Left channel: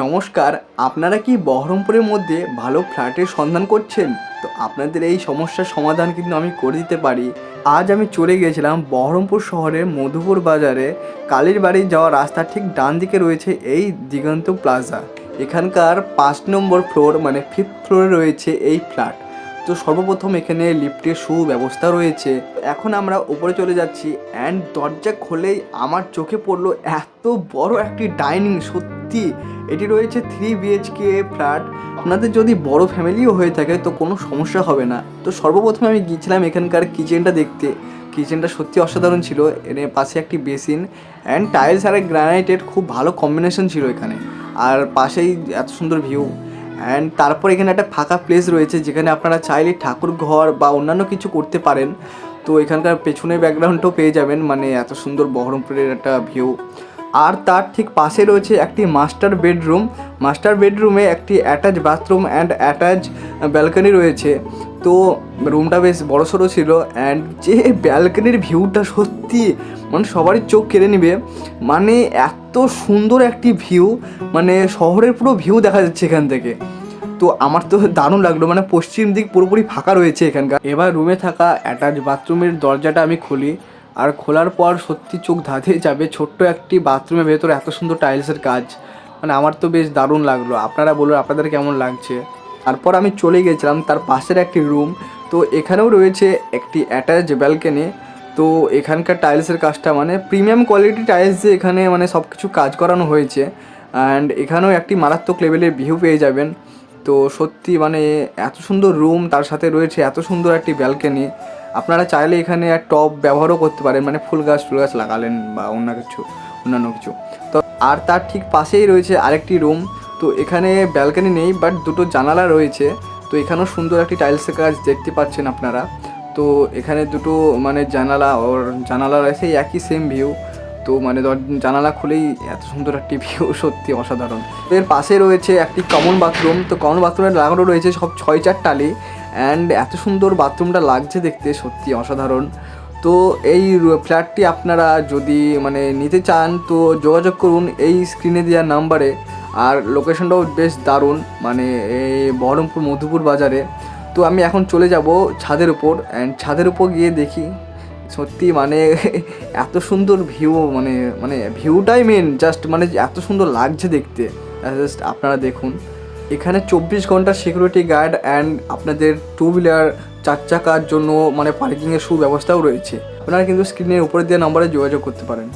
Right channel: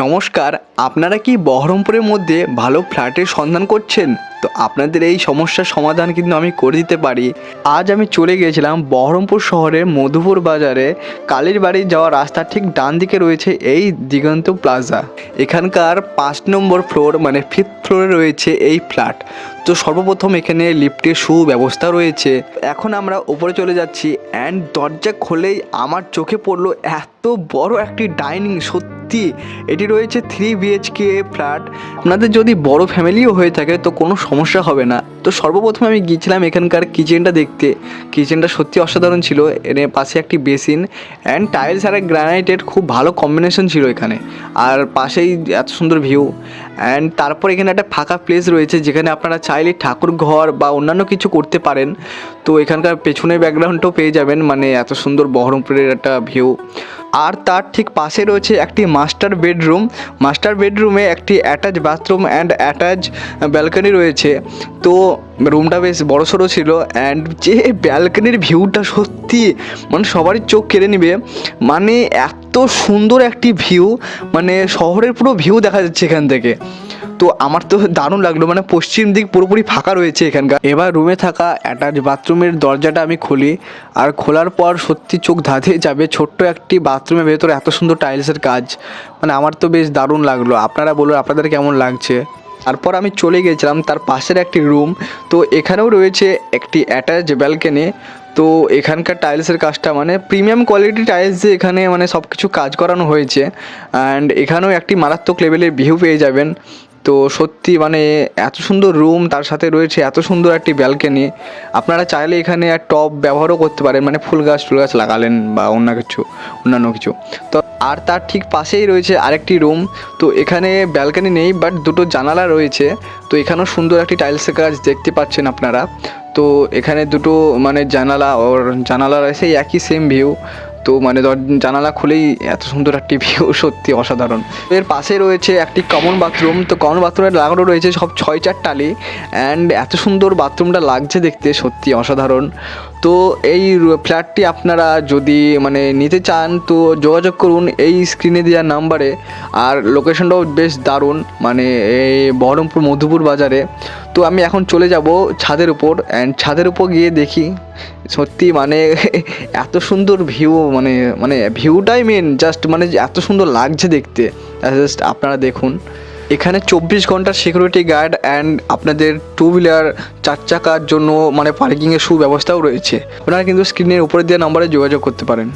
নমস্কার, আপনারা কি বহরমপুরের মধ্যে ভালো ফ্ল্যাটের সন্ধান করছেন? তো আপনাদের এই সমস্যার সমাধান কিন্তু আমি করে দিতে পারি। আজ আমি চলে গিয়েছিলাম বহরমপুর শহরের মধুপুর বাজারে। কালীর বাড়ি যাওয়ার রাস্তার ঠিক ডান দিকে রয়েছে এই দিগন্ত প্লাজা। এখানকার 5 নম্বর ফ্লোর মানে 5th ফ্লোরে রয়েছে এই ফ্ল্যাট। তো সর্বপ্রথম এখানে লিফটের সুব্যবস্থা রয়েছে। এখন আমরা উপরে চলে যাচ্ছি অ্যান্ড দরজা খুলেই আমার চোখে পড়লো এত বড় একটি ডাইনিং। সত্যি এটি রয়েছে 3 বিএইচকে ফ্ল্যাট। আপনাদের যদি বড় ফ্যামিলিও হয়ে থাকে তো কোনো সমস্যা হবে না। তো সর্বপ্রথমে আমি গিয়েছিলাম এখানকার কিচেনটা দেখতে। কিচেনটা সত্যি অসাধারণ ছিল। এর পাশে একটি বেসিন অ্যান্ড টাইলস আর গ্রানাইটের খুব ভালো কম্বিনেশন ছিল এখানে। আর পাশেই এত সুন্দর ভিউ অ্যান্ড তারপর এখানে একটা ফাঁকা প্লেস রয়েছে যেখানে আপনারা চাইলে ঠাকুর ঘর বা অন্যান্য কিছু করতে পারেন। তো এখানকার পেছনের ব্যাকগ্রাউন্ডটাও পেয়ে যাবেন, মানে এত সুন্দর বহরমপুরের একটা ভিউ। আর তার ঠিক পাশে রয়েছে একটি মাস্টার বেডরুম। মাস্টার বেডরুমে একটি attach bathroom and attach balcony রয়েছে। তো রুমটা বেশ বড়সড় ছিল অ্যান্ড যে ব্যালকনির ভিউটা সত্যি মানে সবারই চোখ কেড়ে নেবে। মানে এত সুন্দর একটি ভিউ, মানে শহরের পুরো ভিউ দেখা যাচ্ছে এখান থেকে। তো আমার তো দারুণ লাগলো, মানে পশ্চিম দিক পুরোপুরি ফাঁকা রয়েছে এখানকার। এবার রুমে থাকা অ্যাটাচ বাথরুমের দরজাটা আমি খুলি, আর খোলার পর সত্যি চোখ ধাঁধিয়ে যাবে। ছোট্ট একটি বাথরুমের ভেতরে এত সুন্দর টাইলসের কাজ, মানে আমার তো বেশ দারুণ লাগলো। আপনারা বলুন আপনাদের কেমন লাগছে। তারপর আমি চলে গিয়েছিলাম তার পাশের একটি রুম। তো এখানেও রয়েছে একটি অ্যাটাচ ব্যালকনি। তো এখানকার টাইলসের কাজটা মানে প্রিমিয়াম কোয়ালিটি টাইলস দিয়ে এখানে মানে সব কিছু কাজ করানো হয়েছে অ্যান্ড এখানেও একটি মারাত্মক লেভেলের ভিউ পেয়ে যাবেন। তো সত্যি মানে এত সুন্দর রুম, তার সাথে রয়েছে এত সুন্দর একটি ব্যালকনি। আপনারা চাইলে এখানে টব ব্যবহারও করতে পারেন, মানে ফুল গাছ লাগালেন বা অন্যান্য কিছু। তো আর তার ঠিক পাশেই রয়েছে আরেকটি রুম। তো এখানে ব্যালকনি নেই বাট দুটো জানালা রয়েছে। তো এখানেও সুন্দর একটি টাইলসের কাজ দেখতে পাচ্ছেন আপনারা। তো এখানে দুটো মানে জানালা রয়েছে একই সেম ভিউ। তো মানে জানালা খুলেই এত সুন্দর একটি ভিউ, সত্যি অসাধারণ। এর পাশে রয়েছে একটি কমন বাথরুম। তো কমন বাথরুমে লাগানো রয়েছে সব 6-4 টালি অ্যান্ড এত সুন্দর বাথরুমটা লাগছে দেখতে, সত্যি অসাধারণ। তো এই ফ্ল্যাটটি আপনারা যদি মানে নিতে চান তো যোগাযোগ করুন এই স্ক্রিনে দেওয়া নাম্বারে। আর লোকেশনটাও বেশ দারুণ, মানে এই বহরমপুর মধুপুর বাজারে। তো আমি এখন চলে যাব ছাদের উপর অ্যান্ড ছাদের উপর গিয়ে দেখি সত্যি মানে এত সুন্দর ভিউ, মানে ভিউটাই মেন, জাস্ট মানে এত সুন্দর লাগছে দেখতে। জাস্ট আপনারা দেখুন, এখানে 24 ঘন্টা সিকিউরিটি গার্ড অ্যান্ড আপনাদের 2 হুইলার 4 চাকার জন্য মানে পার্কিংয়ের সুব্যবস্থাও রয়েছে। আপনারা কিন্তু স্ক্রিনের উপরে দেওয়া নম্বরে যোগাযোগ করতে পারেন।